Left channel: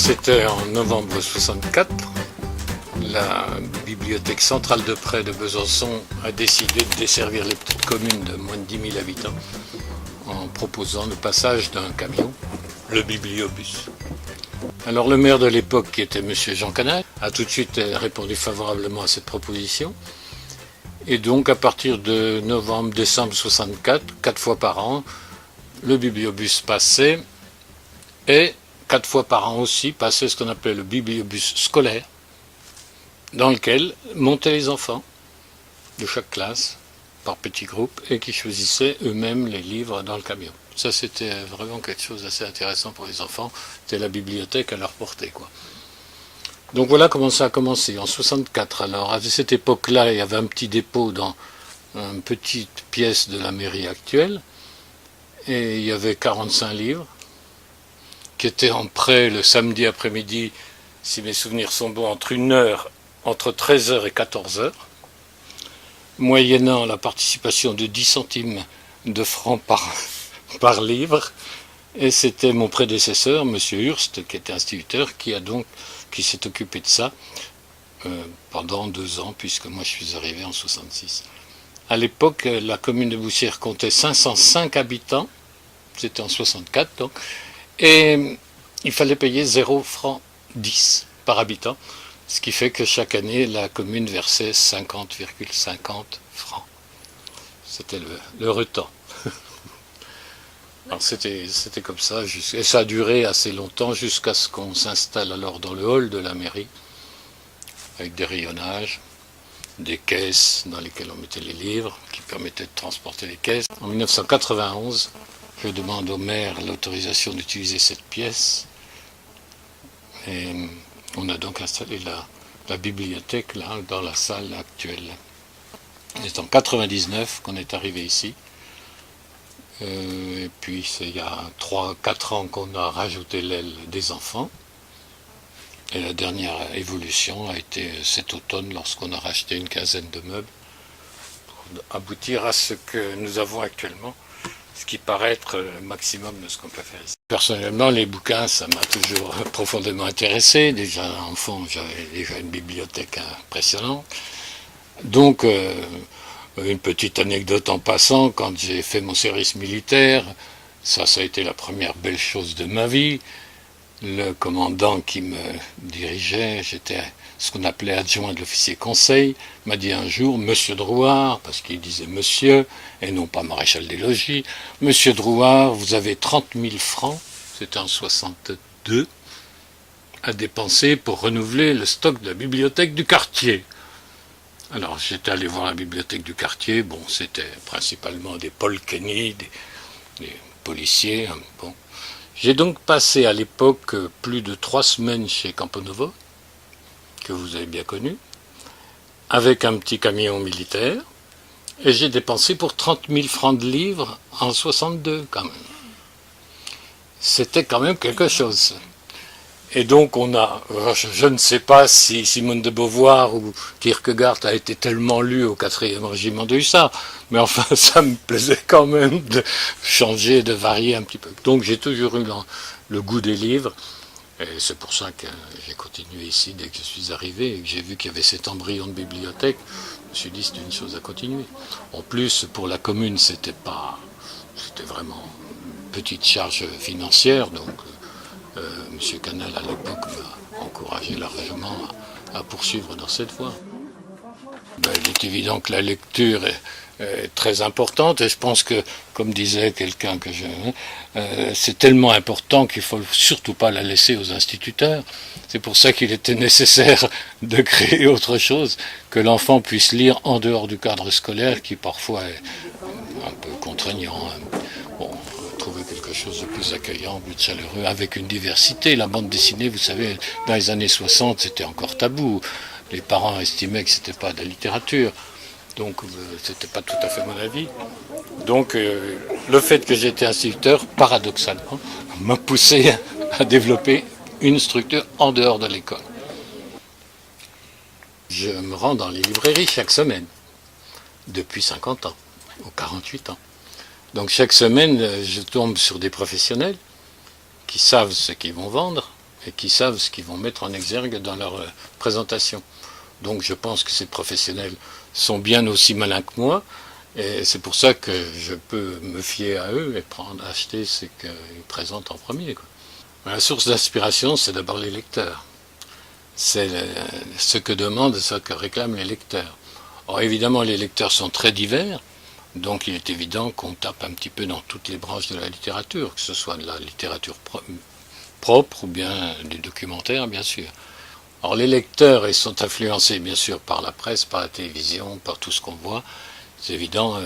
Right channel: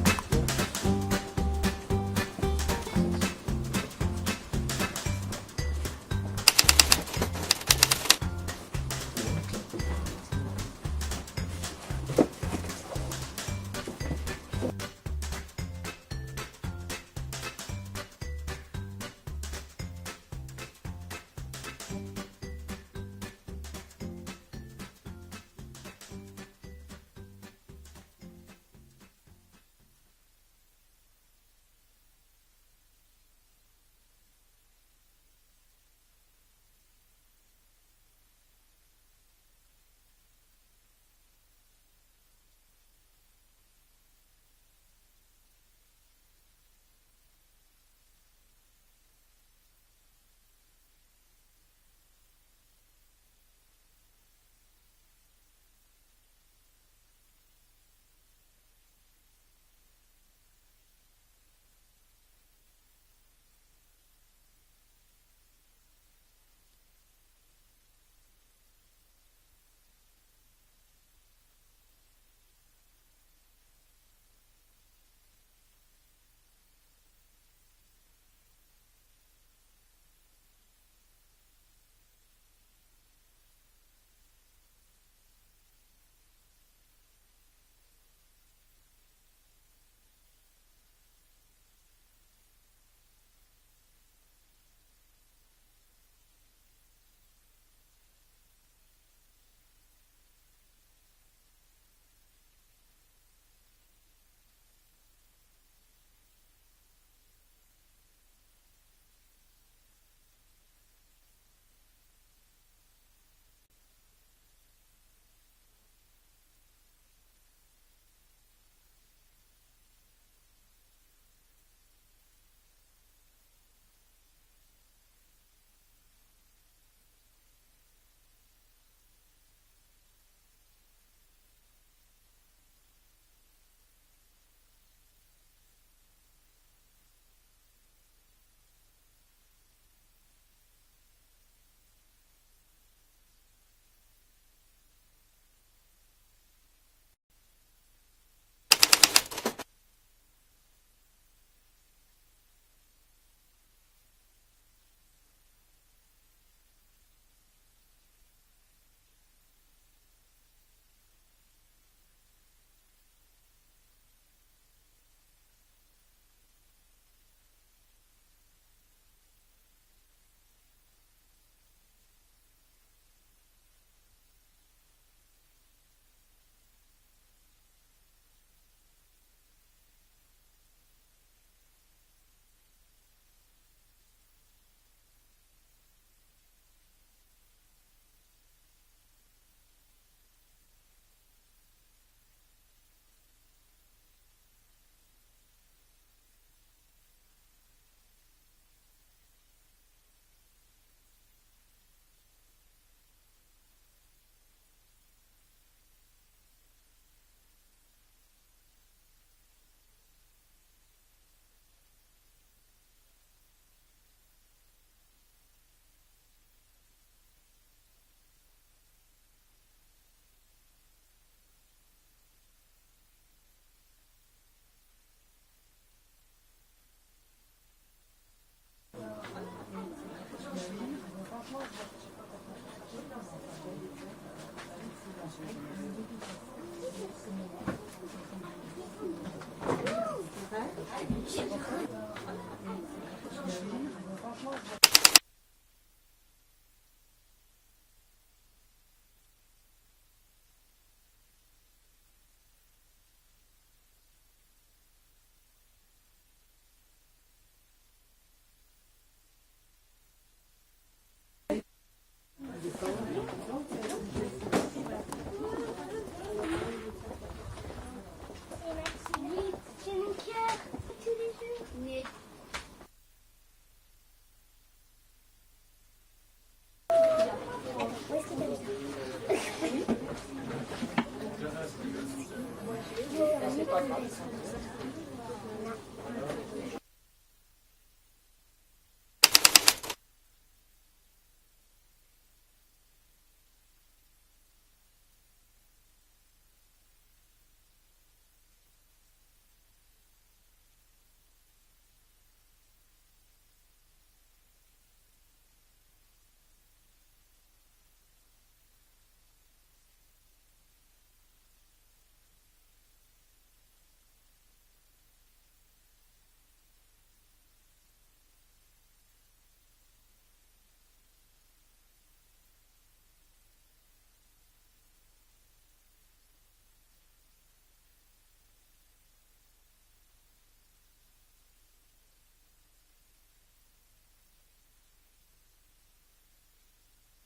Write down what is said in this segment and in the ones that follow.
c'était en novembre 64. La bibliothèque centrale de près de Besançon a décidé de desservir les petites communes de moins de 10 000 habitants en proposant le passage d'un camion, le bibliobus. Alors le maire de l'époque, qui était M. Jean Canal, a tout de suite répondu favorablement à cette proposition. Et donc à partir de novembre-décembre 64, 4 fois par an, le bibliobus passait, et 4 fois par an aussi passait ce qu'on appelait le bibliobus scolaire, dans lequel montaient les enfants de chaque classe par petits groupes et qui choisissaient eux-mêmes les livres dans le camion. Ça, c'était vraiment quelque chose d'assez intéressant pour les enfants. C'était la bibliothèque à leur portée, quoi. Donc voilà comment ça a commencé, en 64. Alors à cette époque-là, il y avait un petit dépôt dans une petite pièce de la mairie actuelle, et il y avait 45 livres qui étaient en prêt le samedi après-midi, si mes souvenirs sont bons, entre 13h et 14h, moyennant la participation de 10 centimes de francs par livre. Et c'était mon prédécesseur, M. Hurst, qui était instituteur, qui s'est occupé de ça pendant 2 ans, puisque moi je suis arrivé en 66. À l'époque, la commune de Boussières comptait 505 habitants, c'était en 64 donc, et il fallait payer 0 francs 10 par habitant, ce qui fait que chaque année, la commune versait 50,50 francs. C'était le temps. Alors c'était comme ça, et ça a duré assez longtemps jusqu'à ce qu'on s'installe alors dans le hall de la mairie, avec des rayonnages, des caisses dans lesquelles on mettait les livres, qui permettaient de transporter les caisses. En 1991, je demande au maire l'autorisation d'utiliser cette pièce, et on a donc installé la bibliothèque là, dans la salle actuelle. C'est en 1999 qu'on est arrivé ici. Et puis c'est il y a 3-4 ans qu'on a rajouté l'aile des enfants. Et la dernière évolution a été cet automne lorsqu'on a racheté une quinzaine de meubles pour aboutir à ce que nous avons actuellement, ce qui paraît être le maximum de ce qu'on peut faire ici. Personnellement, les bouquins, ça m'a toujours profondément intéressé. Déjà enfant, j'avais déjà une bibliothèque impressionnante. Donc, une petite anecdote en passant, quand j'ai fait mon service militaire, ça a été la première belle chose de ma vie. Le commandant qui me dirigeait, j'étais ce qu'on appelait adjoint de l'officier conseil, m'a dit un jour, Monsieur Drouard, parce qu'il disait monsieur, et non pas maréchal des logis, Monsieur Drouard, vous avez 30 000 francs, c'était en 62, à dépenser pour renouveler le stock de la bibliothèque du quartier. Alors j'étais allé voir la bibliothèque du quartier, bon c'était principalement des Paul Kenny, des policiers, bon. J'ai donc passé à l'époque plus de 3 semaines chez Camponovo, que vous avez bien connu, avec un petit camion militaire, et j'ai dépensé pour 30 000 francs de livres en 62 quand même. C'était quand même quelque chose. Et donc je ne sais pas si Simone de Beauvoir ou Kierkegaard a été tellement lu au 4e régiment de hussards, mais enfin ça me plaisait quand même de changer, de varier un petit peu. Donc j'ai toujours eu le goût des livres, et c'est pour ça que j'ai continué ici dès que je suis arrivé, et que j'ai vu qu'il y avait cet embryon de bibliothèque, je me suis dit c'est une chose à continuer. En plus, pour la commune, c'était vraiment une petite charge financière, donc M. Canal à l'époque m'a encouragé largement à poursuivre dans cette voie. Il est évident que la lecture est très importante, et je pense que, comme disait quelqu'un que c'est tellement important qu'il ne faut surtout pas la laisser aux instituteurs. C'est pour ça qu'il était nécessaire de créer autre chose, que l'enfant puisse lire en dehors du cadre scolaire, qui parfois est un peu contraignant. Bon, trouver quelque chose de plus accueillant, plus chaleureux, avec une diversité. La bande dessinée, vous savez, dans les années 60, c'était encore tabou. Les parents estimaient que c'était pas de la littérature. Donc, c'était pas tout à fait mon avis. Donc, le fait que j'étais instituteur, paradoxalement, m'a poussé à développer une structure en dehors de l'école. Je me rends dans les librairies chaque semaine, depuis 50 ans, ou 48 ans. Donc chaque semaine, je tombe sur des professionnels qui savent ce qu'ils vont vendre, et qui savent ce qu'ils vont mettre en exergue dans leur présentation. Donc je pense que ces professionnels sont bien aussi malins que moi, et c'est pour ça que je peux me fier à eux et acheter ce qu'ils présentent en premier, quoi. La source d'inspiration, c'est d'abord les lecteurs. C'est ce que demandent, ce que réclament les lecteurs. Or évidemment, les lecteurs sont très divers, donc il est évident qu'on tape un petit peu dans toutes les branches de la littérature, que ce soit de la littérature propre ou bien du documentaire, bien sûr. Or les lecteurs, ils sont influencés bien sûr par la presse, par la télévision, par tout ce qu'on voit. C'est évident,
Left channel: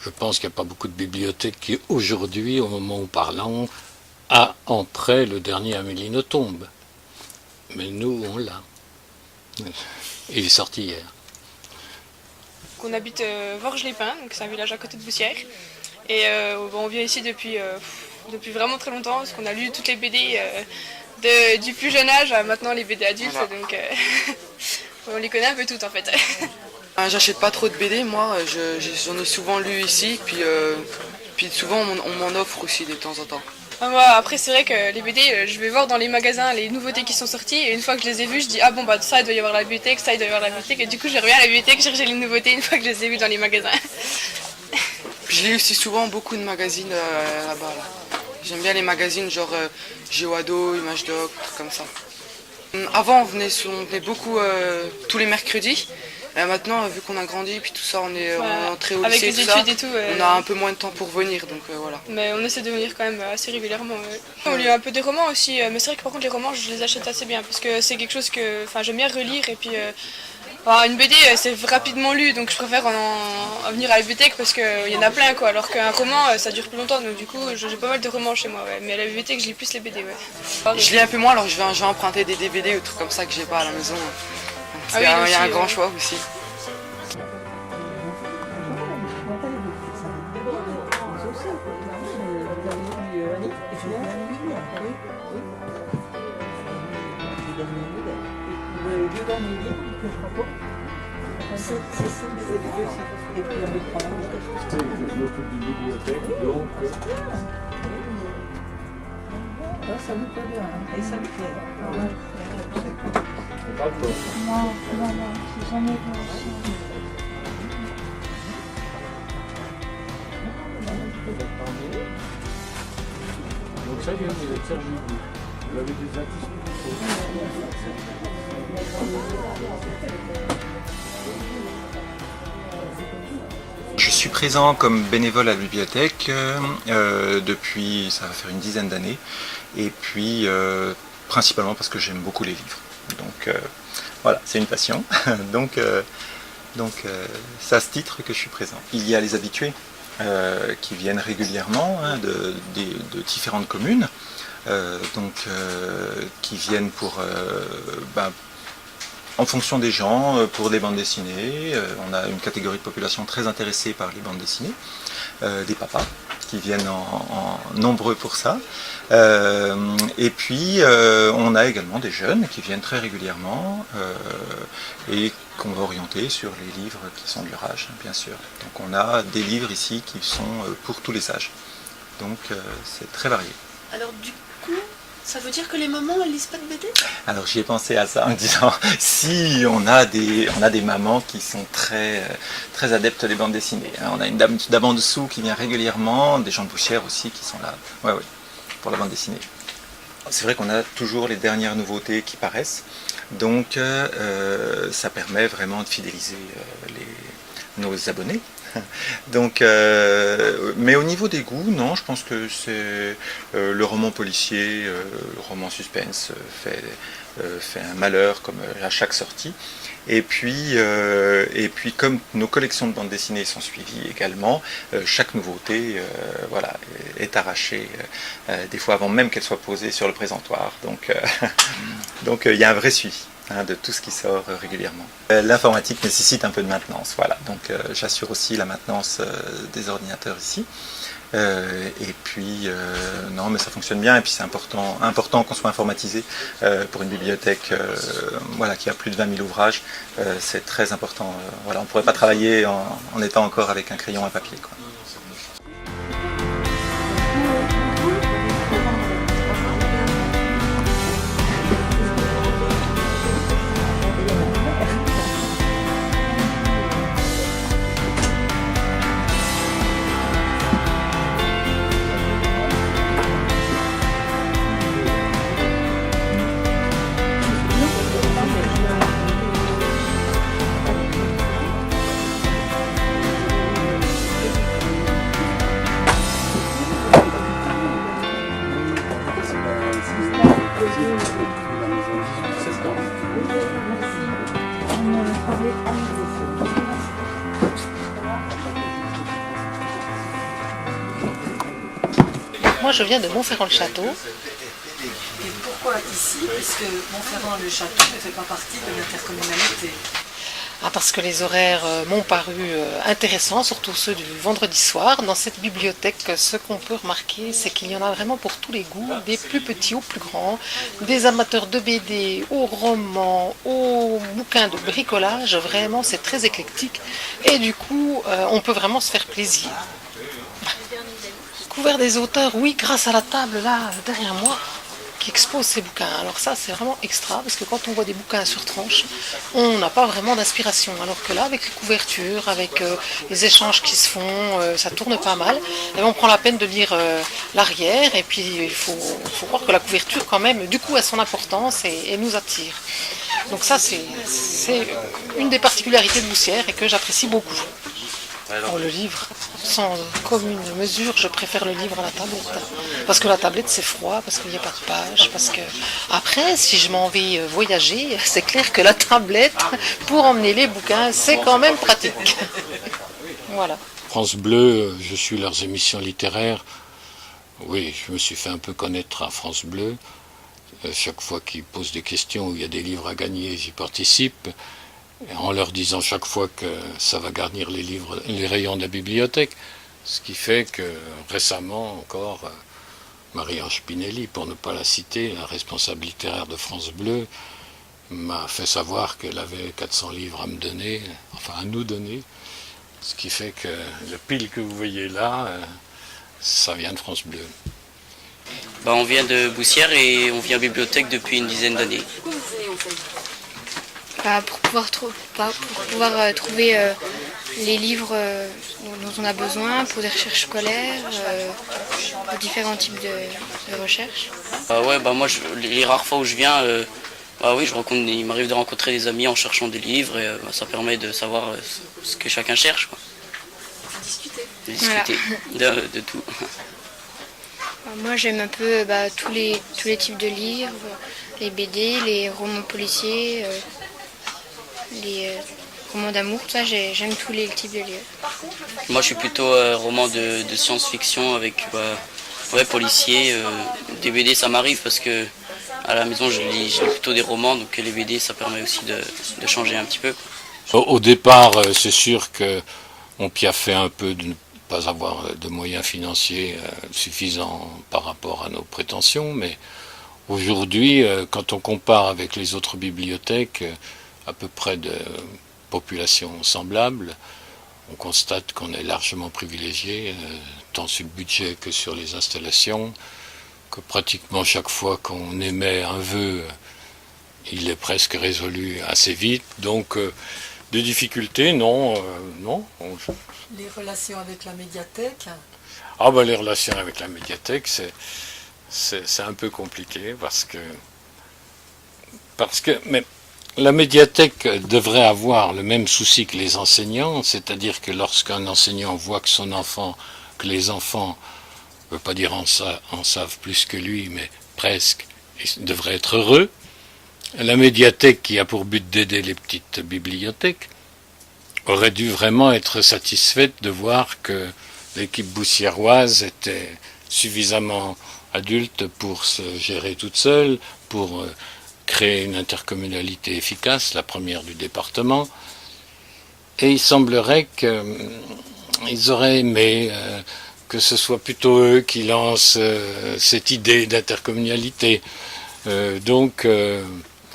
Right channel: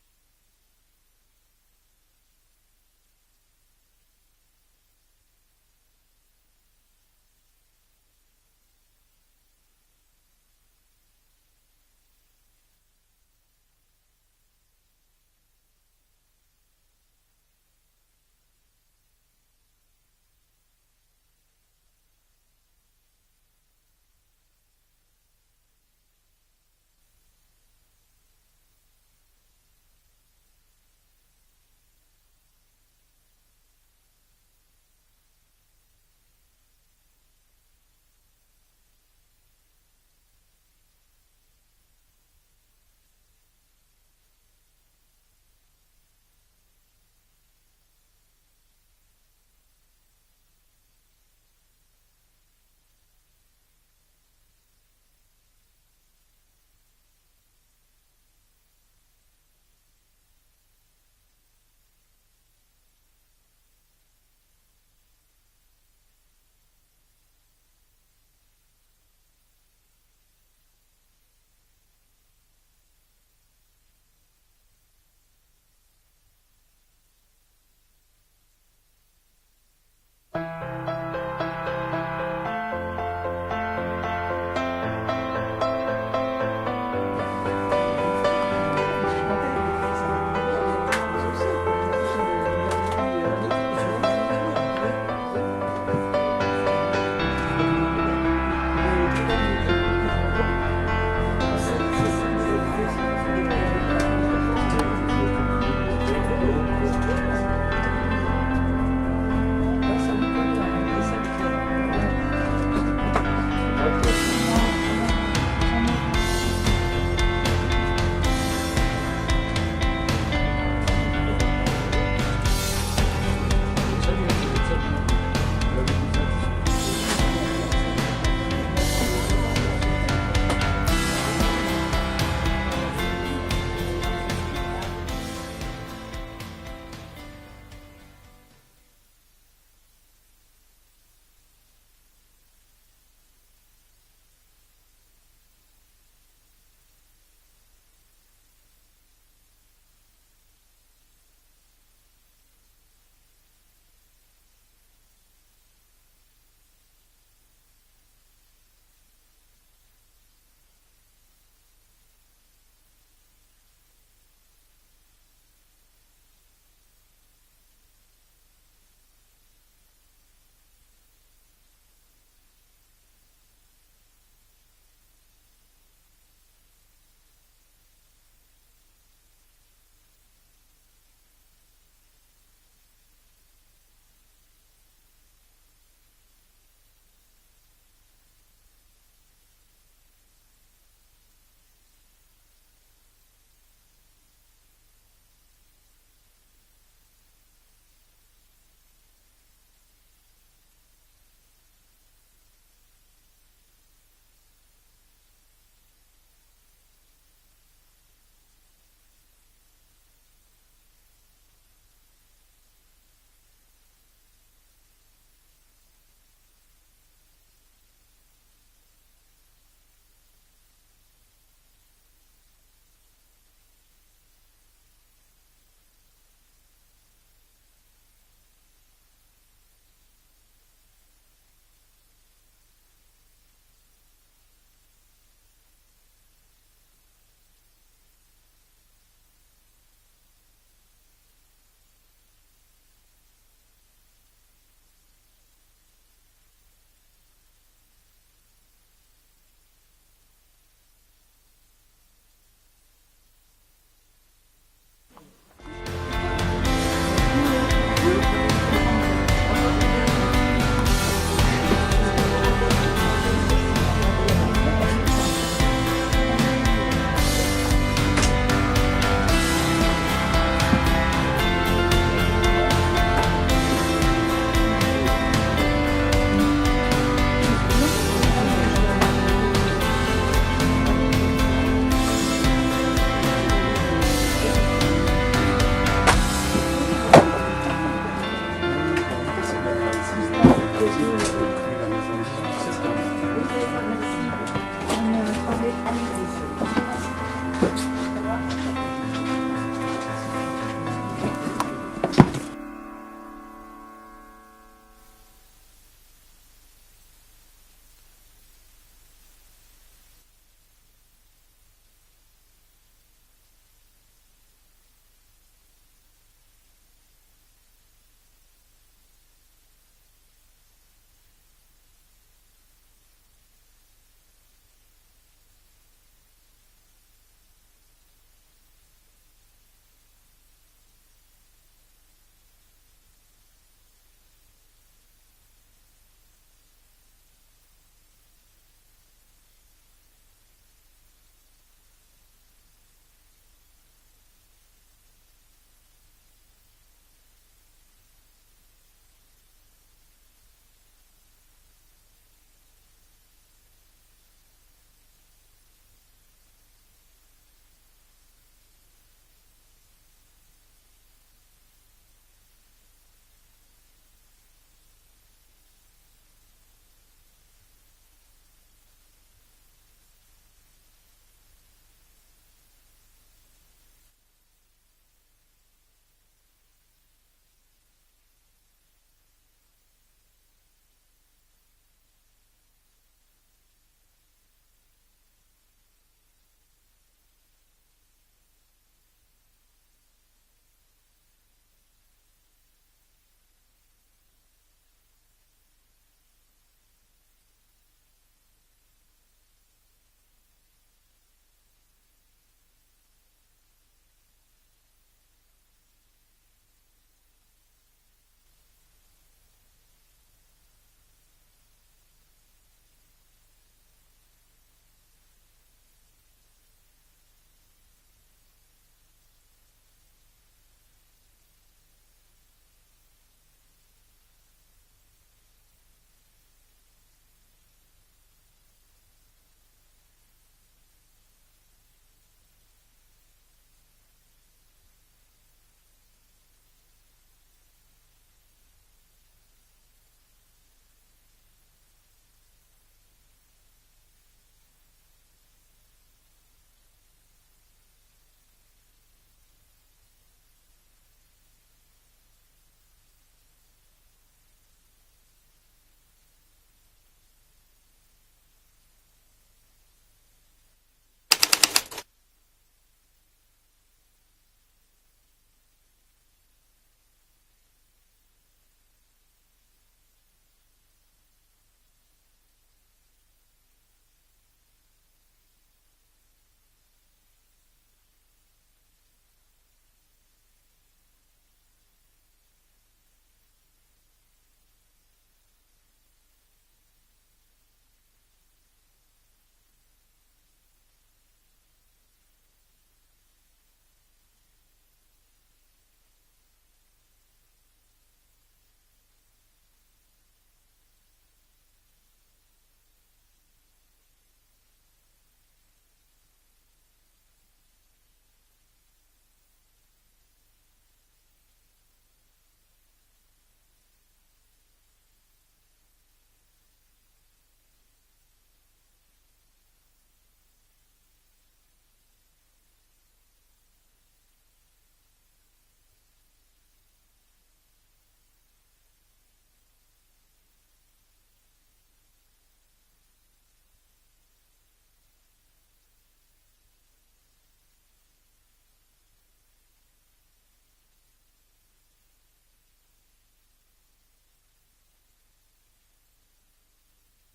je pense qu'il n'y a pas beaucoup de bibliothèques qui aujourd'hui, au moment où parlons, a en prêt le dernier Amélie Nothomb. Mais nous, on l'a. Il est sorti hier. On habite Vorges-les-Pins, donc c'est un village à côté de Boussières. Et on vient ici depuis vraiment très longtemps, parce qu'on a lu toutes les BD du plus jeune âge à maintenant les BD adultes, voilà. Donc on les connaît un peu toutes en fait. J'achète pas trop de BD, moi, j'en ai souvent lu ici, puis souvent on m'en offre aussi de temps en temps. Moi, après c'est vrai que les BD, je vais voir dans les magasins les nouveautés qui sont sorties, et une fois que je les ai vues, je dis ah bon bah ça il doit y avoir la bibliothèque, ça il doit y avoir la bibliothèque, et du coup je reviens à la bibliothèque chercher les nouveautés une fois que je les ai vues dans les magasins. Je lis aussi souvent beaucoup de magazines là-bas. Là. J'aime bien les magazines genre Géoado, Image Doc, trucs comme ça. Avant on venait beaucoup tous les mercredis. Maintenant, vu qu'on a grandi, puis tout ça, on est entré au lycée, avec les études et tout, on a un peu moins de temps pour venir, donc voilà. Mais on essaie de venir quand même assez régulièrement. On lit un peu des romans aussi, mais c'est vrai que par contre les romans, je les achète assez bien, parce que c'est quelque chose que j'aime bien relire, et puis une BD, c'est rapidement lu, donc je préfère en venir à la bibliothèque, parce qu'il y en a plein, quoi, alors qu'un roman, ça dure plus longtemps, donc du coup, j'ai pas mal de romans chez moi, ouais. Mais à la bibliothèque, je lis plus les BD, ouais. Je lis un peu moins, alors je vais emprunter des DVD ou trucs comme ça que j'ai pas à la maison. Il y a un grand choix aussi. Je suis présent comme bénévole à la bibliothèque depuis, ça va faire une dizaine d'années, et puis principalement parce que j'aime beaucoup les livres. Donc voilà, c'est une passion. donc c'est à ce titre que je suis présent. Il y a les habitués qui viennent régulièrement de différentes communes, qui viennent pour en fonction des gens, pour les bandes dessinées. On a une catégorie de population très intéressée par les bandes dessinées, des papas qui viennent en nombreux pour ça. Et puis on a également des jeunes qui viennent très régulièrement et qu'on va orienter sur les livres qui sont de leur âge, bien sûr. Donc on a des livres ici qui sont pour tous les âges. Donc c'est très varié. Alors du coup, ça veut dire que les mamans elles lisent pas de BD? Alors j'y ai pensé à ça en me disant si on a des mamans qui sont très adeptes des bandes dessinées. On a une dame d'en dessous qui vient régulièrement, des gens de Boussières aussi qui sont là. Ouais, pour la bande dessinée. C'est vrai qu'on a toujours les dernières nouveautés qui paraissent, donc ça permet vraiment de fidéliser nos abonnés. Donc, mais au niveau des goûts, non, je pense que c'est le roman policier, le roman suspense fait un malheur comme à chaque sortie. Et puis comme nos collections de bandes dessinées sont suivies également, chaque nouveauté est arrachée, des fois avant même qu'elle soit posée sur le présentoir. Donc il y a un vrai suivi de tout ce qui sort régulièrement. L'informatique nécessite un peu de maintenance, voilà. Donc j'assure aussi la maintenance des ordinateurs ici. Et puis non, mais ça fonctionne bien, et puis c'est important qu'on soit informatisé pour une bibliothèque qui a plus de 20 000 ouvrages. C'est très important. On ne pourrait pas travailler en étant encore avec un crayon à papier, quoi. Moi, je viens de Montferrand-le-Château. Et pourquoi ici? Puisque Montferrand-le-Château ne fait pas partie de l'intercommunalité. Parce que les horaires m'ont paru intéressants, surtout ceux du vendredi soir. Dans cette bibliothèque, ce qu'on peut remarquer, c'est qu'il y en a vraiment pour tous les goûts, des plus petits aux plus grands, des amateurs de BD, aux romans, aux bouquins de bricolage. Vraiment, c'est très éclectique. Et du coup, on peut vraiment se faire plaisir. Couvert des auteurs, oui, grâce à la table là, derrière moi, qui expose ces bouquins. Alors ça, c'est vraiment extra, parce que quand on voit des bouquins sur tranche, on n'a pas vraiment d'inspiration. Alors que là, avec les couvertures, avec les échanges qui se font, ça tourne pas mal. Et on prend la peine de lire l'arrière, et puis il faut croire que la couverture, quand même, du coup, a son importance et nous attire. Donc ça, c'est une des particularités de Boussières et que j'apprécie beaucoup. Pour le livre, sans commune mesure, je préfère le livre à la tablette. Parce que la tablette, c'est froid, parce qu'il n'y a pas de pages. Parce que après, si je m'en vais voyager, c'est clair que la tablette, pour emmener les bouquins, c'est quand même pratique. Voilà. France Bleu, je suis leurs émissions littéraires. Oui, je me suis fait un peu connaître à France Bleu. Chaque fois qu'ils posent des questions où il y a des livres à gagner, j'y participe. En leur disant chaque fois que ça va garnir les rayons de la bibliothèque. Ce qui fait que récemment encore, Marie-Ange Spinelli, pour ne pas la citer, la responsable littéraire de France Bleu, m'a fait savoir qu'elle avait 400 livres à me donner, enfin à nous donner. Ce qui fait que le pile que vous voyez là, ça vient de France Bleu. On vient de Boussières et on vient à la bibliothèque depuis une dizaine d'années. Pour pouvoir trouver les livres dont on a besoin pour des recherches scolaires, pour différents types de recherches. Moi, les rares fois où je viens, oui, il m'arrive de rencontrer des amis en cherchant des livres et ça permet de savoir ce que chacun cherche. Quoi. Discuter voilà. de tout. Moi, j'aime un peu tous les types de livres, les BD, les romans policiers. Les romans d'amour, tout ça, j'aime tous les types de livres. Moi, je suis plutôt roman de science-fiction avec policiers. Des BD, ça m'arrive parce que à la maison, je lis plutôt des romans, donc les BD, ça permet aussi de changer un petit peu. Au départ, c'est sûr qu'on piaffait un peu de ne pas avoir de moyens financiers suffisants par rapport à nos prétentions, mais aujourd'hui, quand on compare avec les autres bibliothèques, à peu près de population semblable, on constate qu'on est largement privilégié, tant sur le budget que sur les installations, que pratiquement chaque fois qu'on émet un vœu, il est presque résolu assez vite. Donc, des difficultés, non. Les relations avec la médiathèque? Les relations avec la médiathèque, c'est un peu compliqué parce que mais la médiathèque devrait avoir le même souci que les enseignants, c'est-à-dire que lorsqu'un enseignant voit que les enfants, je ne veux pas dire en savent plus que lui, mais presque, ils devraient être heureux. La médiathèque, qui a pour but d'aider les petites bibliothèques, aurait dû vraiment être satisfaite de voir que l'équipe boussiéroise était suffisamment adulte pour se gérer toute seule, pour créer une intercommunalité efficace, la première du département. Et il semblerait qu'ils auraient aimé que ce soit plutôt eux qui lancent cette idée d'intercommunalité.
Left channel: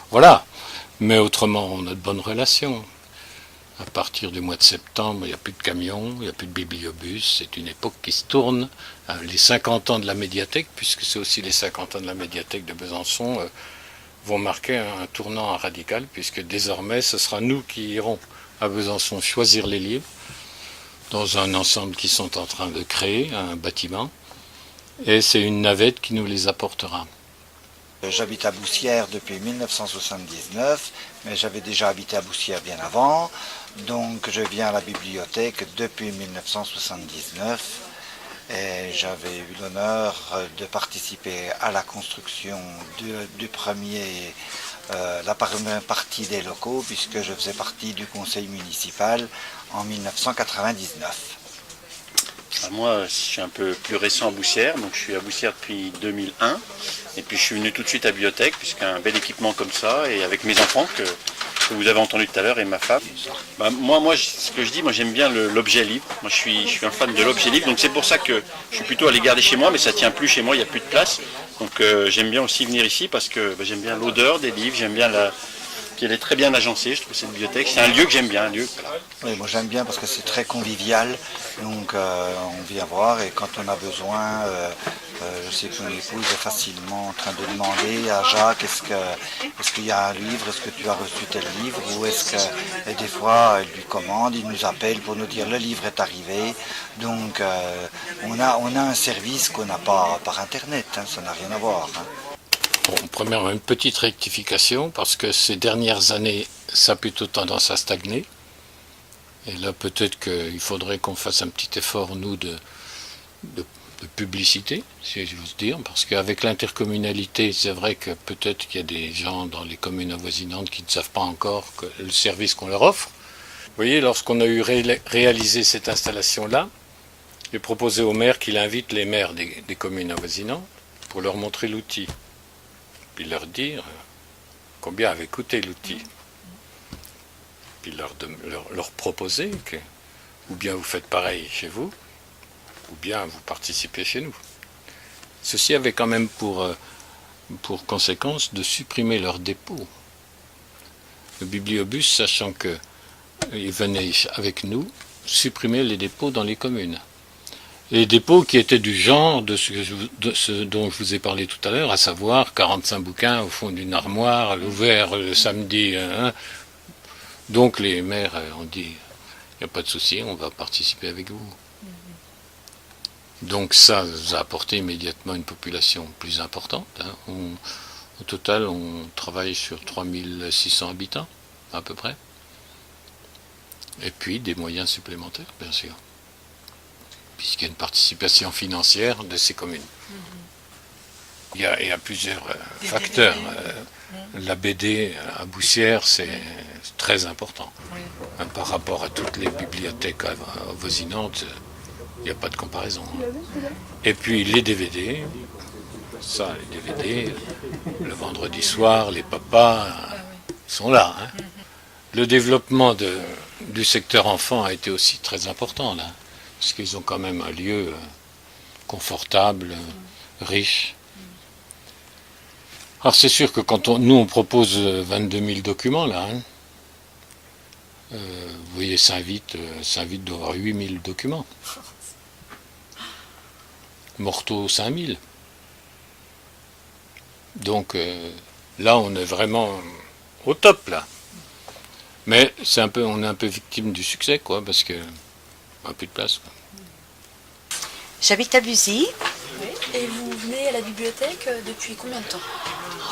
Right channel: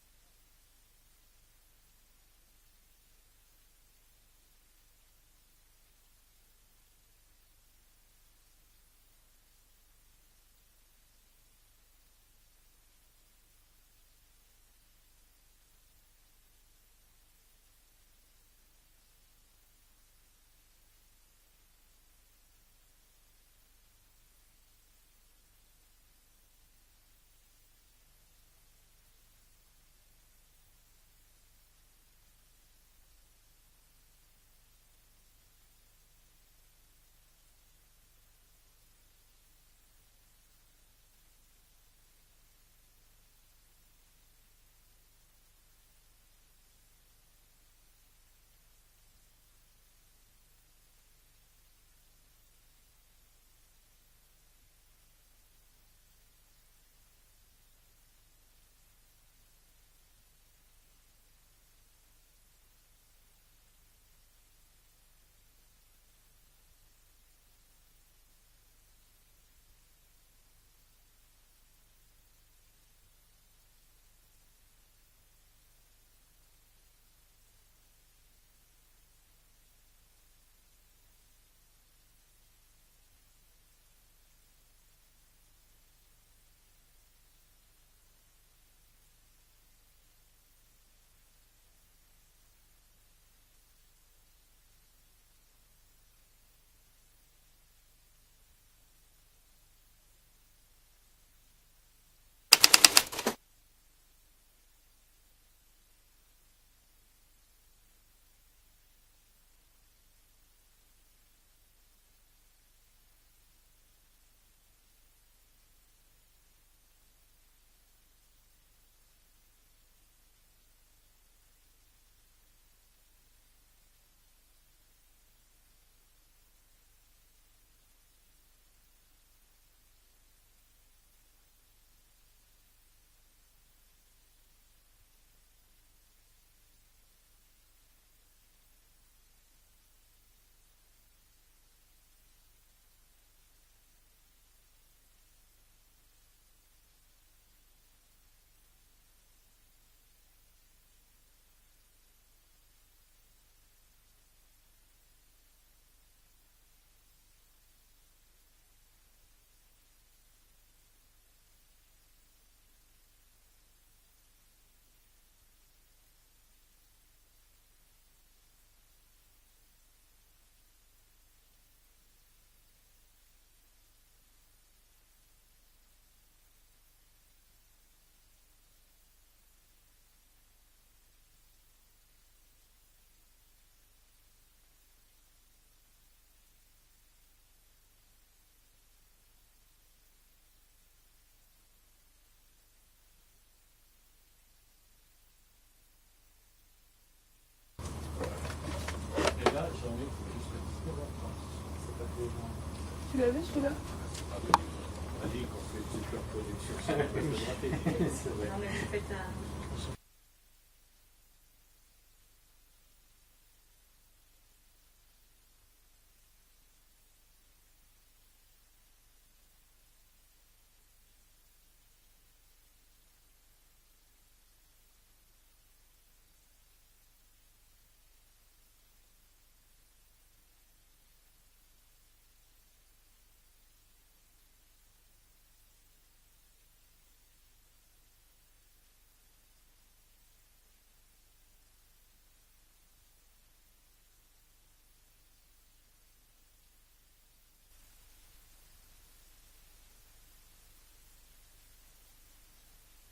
Voilà. Mais autrement, on a de bonnes relations. À partir du mois de septembre, il n'y a plus de camions, il n'y a plus de bibliobus. C'est une époque qui se tourne. Les 50 ans de la médiathèque, puisque c'est aussi les 50 ans de la médiathèque de Besançon, vont marquer un tournant radical, puisque désormais, ce sera nous qui irons à Besançon choisir les livres, dans un ensemble qu'ils sont en train de créer, un bâtiment, et c'est une navette qui nous les apportera. J'habite à Boussières depuis 1979, mais j'avais déjà habité à Boussières bien avant, donc je viens à la bibliothèque depuis 1979, et j'avais eu l'honneur de participer à la construction la première partie des locaux, puisque je faisais partie du conseil municipal en 1999. Moi, je suis un peu plus récent à Boussières, donc je suis à Boussières depuis 2001. Et puis je suis venu tout de suite à Bibliothèque, puisqu'un bel équipement comme ça, et avec mes enfants que vous avez entendu tout à l'heure, et ma femme. Ce que je dis, moi j'aime bien l'objet livre. Moi je suis un fan de l'objet livre, donc c'est pour ça que je suis plutôt à les garder chez moi, mais ça tient plus chez moi, il n'y a plus de place. Donc j'aime bien aussi venir ici, parce que j'aime bien l'odeur des livres, j'aime bien puis elle est très bien agencée, je trouve, cette bibliothèque. C'est un lieu que j'aime bien, un lieu. Oui, moi j'aime bien parce que c'est très convivial, donc on vient voir et quand on a besoin, je sais que mon épouse est facilement en train de demander à Jacques est-ce qu'il y a un livre, est-ce que tu as reçu tel livre, ou est-ce que, et des fois elle lui commande, il nous appelle pour nous dire le livre est arrivé, donc on a un service qu'on n'a pas par internet, hein, ça n'a rien à voir. Hein. Bon, premièrement, une petite rectification, parce que ces dernières années, ça a plutôt tendance à stagner. Et là, peut-être qu'il faudrait qu'on fasse un petit effort, nous, de publicité, si j'ose dire, parce qu'avec l'intercommunalité, c'est vrai que peut-être qu'il y a des gens dans les communes avoisinantes qui ne savent pas encore le service qu'on leur offre. Vous voyez, lorsqu'on a eu réalisé cette installation-là, j'ai proposé au maire qu'il invite les maires des communes avoisinantes pour leur montrer l'outil. Puis leur dire combien avait coûté l'outil. Puis leur proposer que ou bien vous faites pareil chez vous, ou bien vous participez chez nous. Ceci avait quand même pour conséquence de supprimer leur dépôt. Le bibliobus, sachant qu'il venait avec nous, supprimer les dépôts dans les communes. Les dépôts qui étaient du genre de ce dont je vous ai parlé tout à l'heure, à savoir 45 bouquins au fond d'une armoire, ouvert le samedi. Donc les maires ont dit, il n'y a pas de souci, on va participer avec vous. Donc ça a apporté immédiatement une population plus importante. Hein. Au total, on travaille sur 3600 habitants, à peu près. Et puis des moyens supplémentaires, bien sûr, puisqu'il y a une participation financière de ces communes. Il y a plusieurs facteurs. La BD à Boussières, c'est très important. Par rapport à toutes les bibliothèques avoisinantes, il n'y a pas de comparaison. Et puis les DVD, ça, les DVD, le vendredi soir, les papas sont là. Hein. Le développement du secteur enfant a été aussi très important là. Parce qu'ils ont quand même un lieu confortable, riche. Alors c'est sûr que quand nous on propose 22 000 documents là, hein, vous voyez Saint-Vite doit avoir 8 000 documents. Morteau 5 000. Donc là on est vraiment au top là. Mais on est un peu victime du succès quoi, parce que on n'a plus de place. Quoi. J'habite à Buzy. Et vous venez à la bibliothèque depuis combien de temps?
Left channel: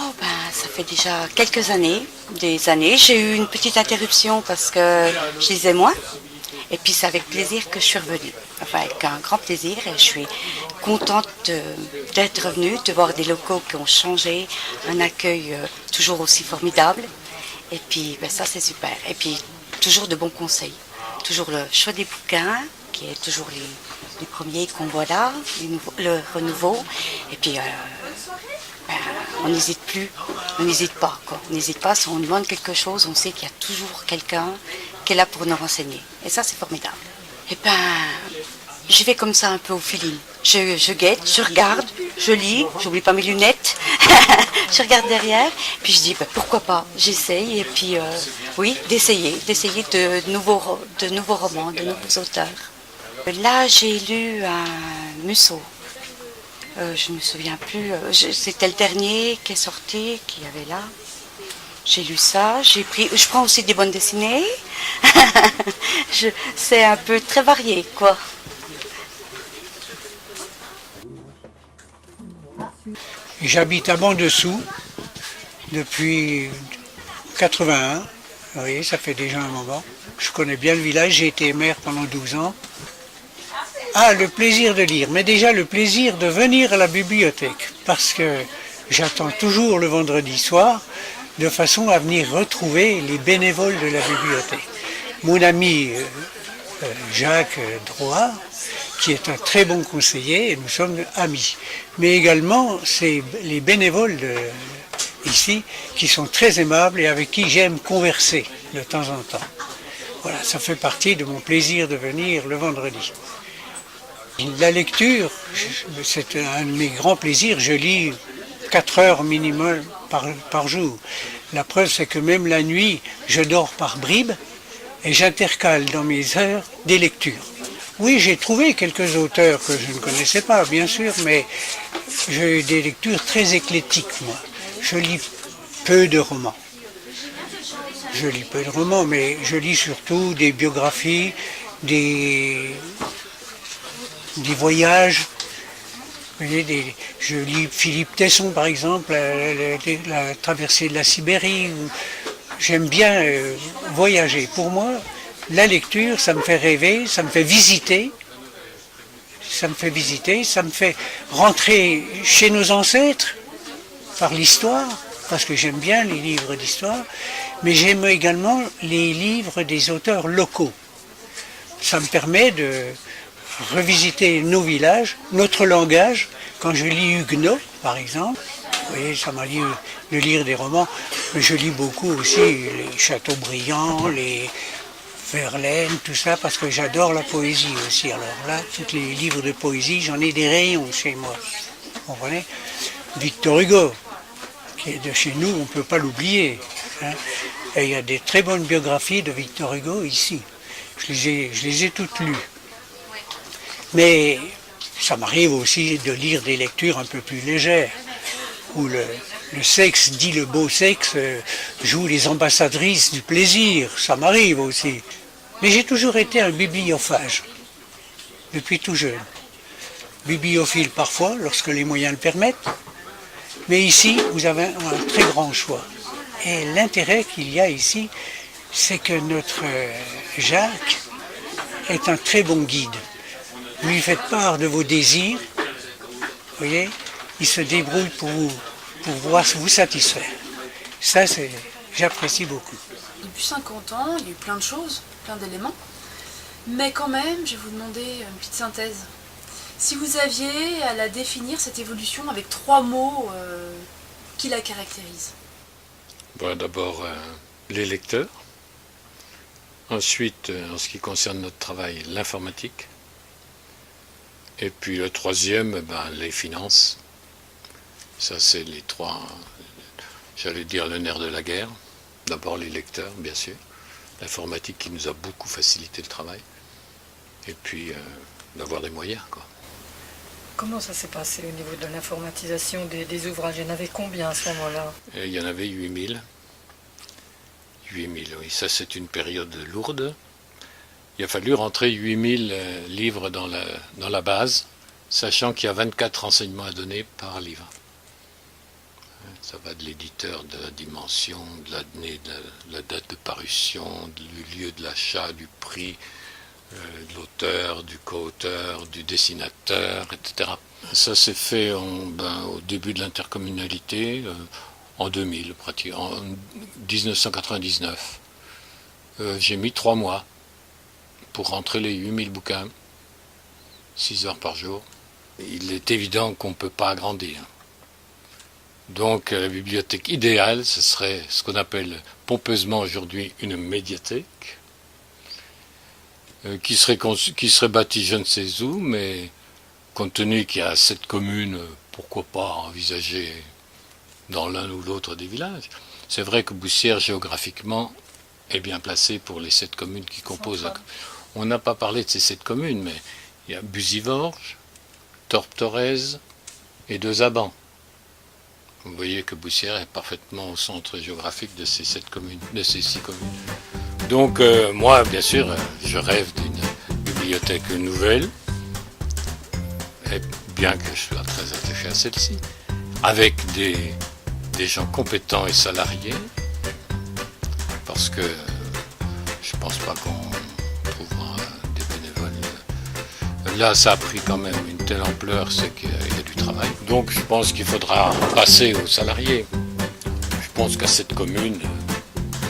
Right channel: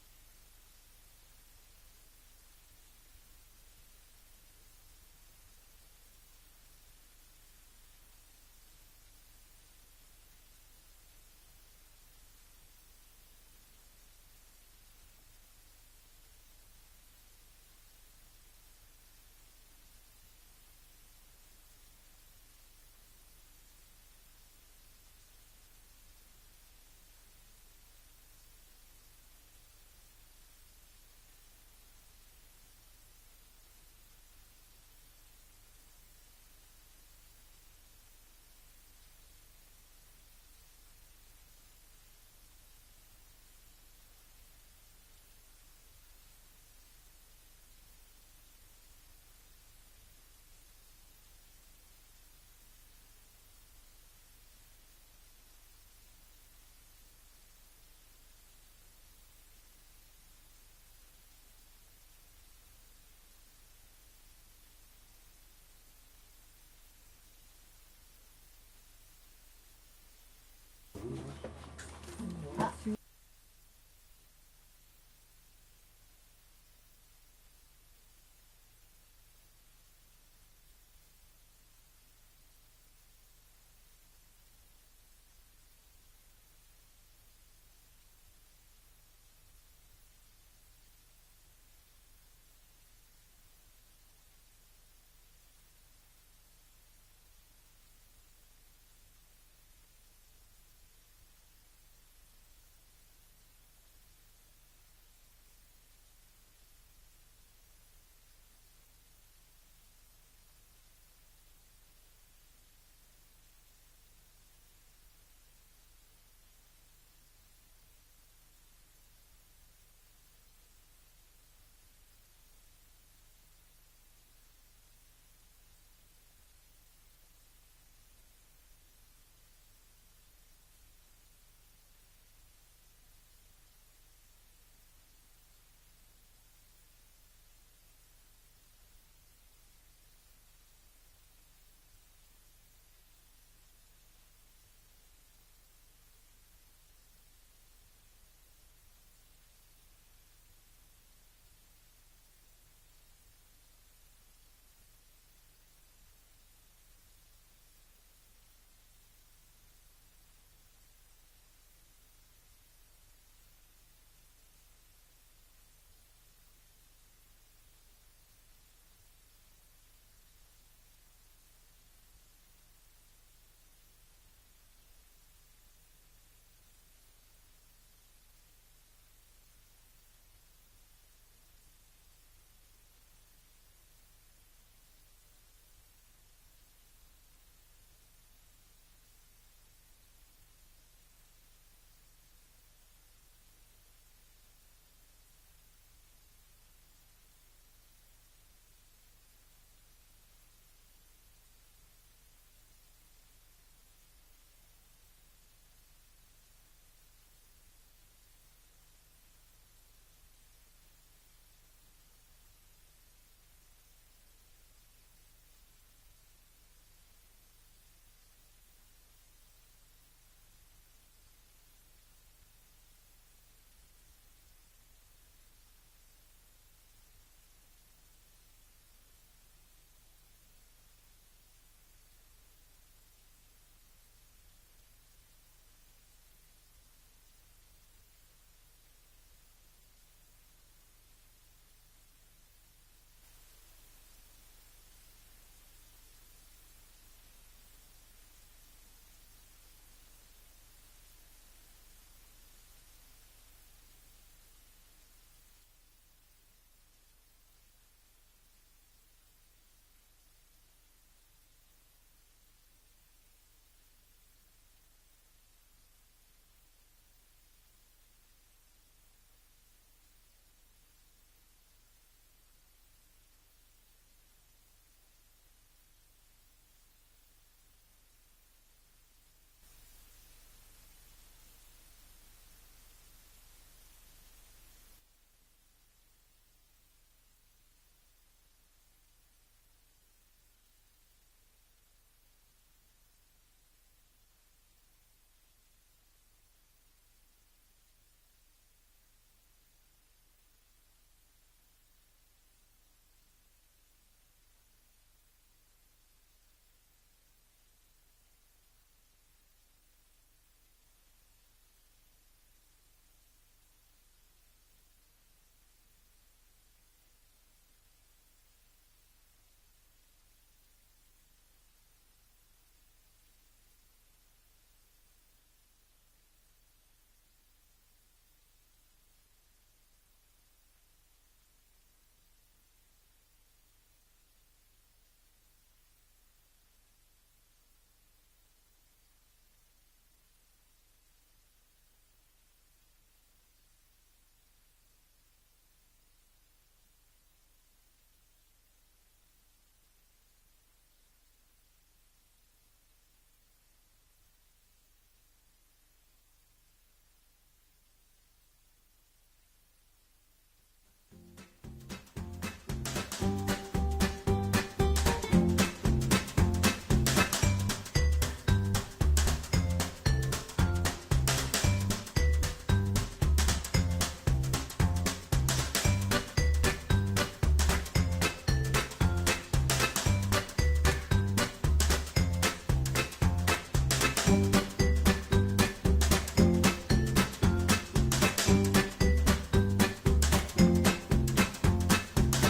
Oh ben, ça fait déjà quelques années, des années. J'ai eu une petite interruption parce que je lisais moins. Et puis c'est avec plaisir que je suis revenue. Enfin, avec un grand plaisir. Et je suis contente d'être revenue, de voir des locaux qui ont changé, un accueil toujours aussi formidable. Et puis ben, ça c'est super. Et puis toujours de bons conseils. Toujours le choix des bouquins, qui est toujours les premiers qu'on voit là, le renouveau. Et puis, on n'hésite plus, on n'hésite pas. Quoi. On n'hésite pas, si on demande quelque chose, on sait qu'il y a toujours quelqu'un qui est là pour nous renseigner. Et ça, c'est formidable. Et ben, j'y vais comme ça un peu au feeling. Je guette, je regarde, je lis, j'oublie pas mes lunettes, je regarde derrière, puis je dis ben, pourquoi pas, j'essaye, et puis oui, d'essayer de nouveaux romans, de nouveaux auteurs. Là, j'ai lu un Musso. Je ne me souviens plus, c'était le dernier qui est sorti, qu'il y avait là. J'ai lu ça, je prends aussi des bandes dessinées. C'est un peu très varié, quoi. J'habite à Banc-Dessous depuis 81. Vous voyez, ça fait déjà un moment. Je connais bien le village, j'ai été maire pendant 12 ans. Ah, le plaisir de lire, mais déjà le plaisir de venir à la bibliothèque, parce que j'attends toujours le vendredi soir, de façon à venir retrouver les bénévoles de la bibliothèque. Mon ami Jacques Drouard, qui est un très bon conseiller, et nous sommes amis. Mais également, c'est les bénévoles ici qui sont très aimables et avec qui j'aime converser de temps en temps. Voilà, ça fait partie de mon plaisir de venir le vendredi. La lecture, c'est un de mes grands plaisirs. Je lis 4 heures minimum par jour. La preuve, c'est que même la nuit, je dors par bribes et j'intercale dans mes heures des lectures. Oui, j'ai trouvé quelques auteurs que je ne connaissais pas, bien sûr, mais j'ai des lectures très éclectiques, moi. Je lis peu de romans. Mais je lis surtout des biographies, des voyages. Vous voyez, je lis Philippe Tesson, par exemple, la traversée de la Sibérie. J'aime bien voyager. Pour moi, la lecture, ça me fait rêver, ça me fait visiter. Ça me fait rentrer chez nos ancêtres par l'histoire, parce que j'aime bien les livres d'histoire, mais j'aime également les livres des auteurs locaux. Ça me permet de revisiter nos villages, notre langage. Quand je lis Huguenot, par exemple, vous voyez, ça m'arrive de lire des romans, mais je lis beaucoup aussi les Chateaubriand, les Verlaine, tout ça, parce que j'adore la poésie aussi. Alors là, tous les livres de poésie, j'en ai des rayons chez moi. Vous comprenez? Victor Hugo, qui est de chez nous, on ne peut pas l'oublier. Hein. Et il y a des très bonnes biographies de Victor Hugo ici. Je les ai toutes lues. Mais ça m'arrive aussi de lire des lectures un peu plus légères, où le sexe, dit le beau sexe, joue les ambassadrices du plaisir. Ça m'arrive aussi. Mais j'ai toujours été un bibliophage, depuis tout jeune. Bibliophile parfois, lorsque les moyens le permettent. Mais ici, vous avez un très grand choix. Et l'intérêt qu'il y a ici, c'est que notre Jacques est un très bon guide. Vous lui faites part de vos désirs, vous voyez, il se débrouille pour vous satisfaire. Ça, j'apprécie beaucoup. Depuis 50 ans, il y a eu plein de choses, plein d'éléments. Mais quand même, je vais vous demander une petite synthèse. Si vous aviez à la définir, cette évolution, avec 3 mots qui la caractérisent. Bon, d'abord, les lecteurs. Ensuite, en ce qui concerne notre travail, l'informatique. Et puis le troisième, les finances. Ça, c'est les 3, j'allais dire, le nerf de la guerre. D'abord les lecteurs, bien sûr. L'informatique qui nous a beaucoup facilité le travail. Et puis, d'avoir des moyens, quoi. Comment ça s'est passé au niveau de l'informatisation des ouvrages? Il y en avait combien à ce moment-là? Il y en avait 8000. 8000, oui. Ça, c'est une période lourde. Il a fallu rentrer 8000 livres dans la base, sachant qu'il y a 24 renseignements à donner par livre. Ça va de l'éditeur, de la dimension, de l'année, de la date de parution, du lieu de l'achat, du prix, de l'auteur, du co-auteur, du dessinateur, etc. Ça s'est fait au début de l'intercommunalité, en 2000, pratiquement, en 1999. J'ai mis 3 mois pour rentrer les 8000 bouquins, 6 heures par jour. Il est évident qu'on ne peut pas agrandir. Donc la bibliothèque idéale, ce serait ce qu'on appelle pompeusement aujourd'hui une médiathèque, qui serait bâtie je ne sais où, mais compte tenu qu'il y a 7 communes, pourquoi pas envisager dans l'un ou l'autre des villages. C'est vrai que Boussières, géographiquement, est bien placée pour les 7 communes qui composent. On n'a pas parlé de ces 7 communes, mais il y a Buzivorges, Torp-Torrez et Deux-Abans. Vous voyez que Boussières est parfaitement au centre géographique de ces 6 communes. Donc moi, bien sûr, je rêve d'une bibliothèque nouvelle, et bien que je sois très attaché à celle-ci, avec des gens compétents et salariés, parce que je ne pense pas qu'on trouvera des bénévoles là, ça a pris quand même une telle ampleur, c'est qu'il y a du travail. Donc je pense qu'il faudra passer aux salariés. Je pense qu'à cette commune,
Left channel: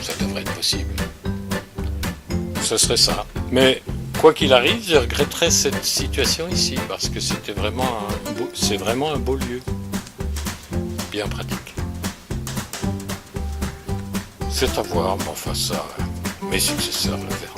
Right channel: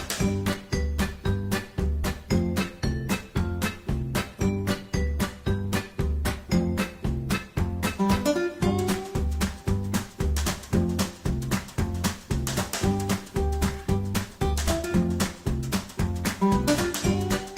ça devrait être possible. Ce serait ça. Mais quoi qu'il arrive, je regretterais cette situation ici, parce que c'est vraiment un beau lieu, bien pratique. C'est à voir, mais enfin ça, mes successeurs le verront.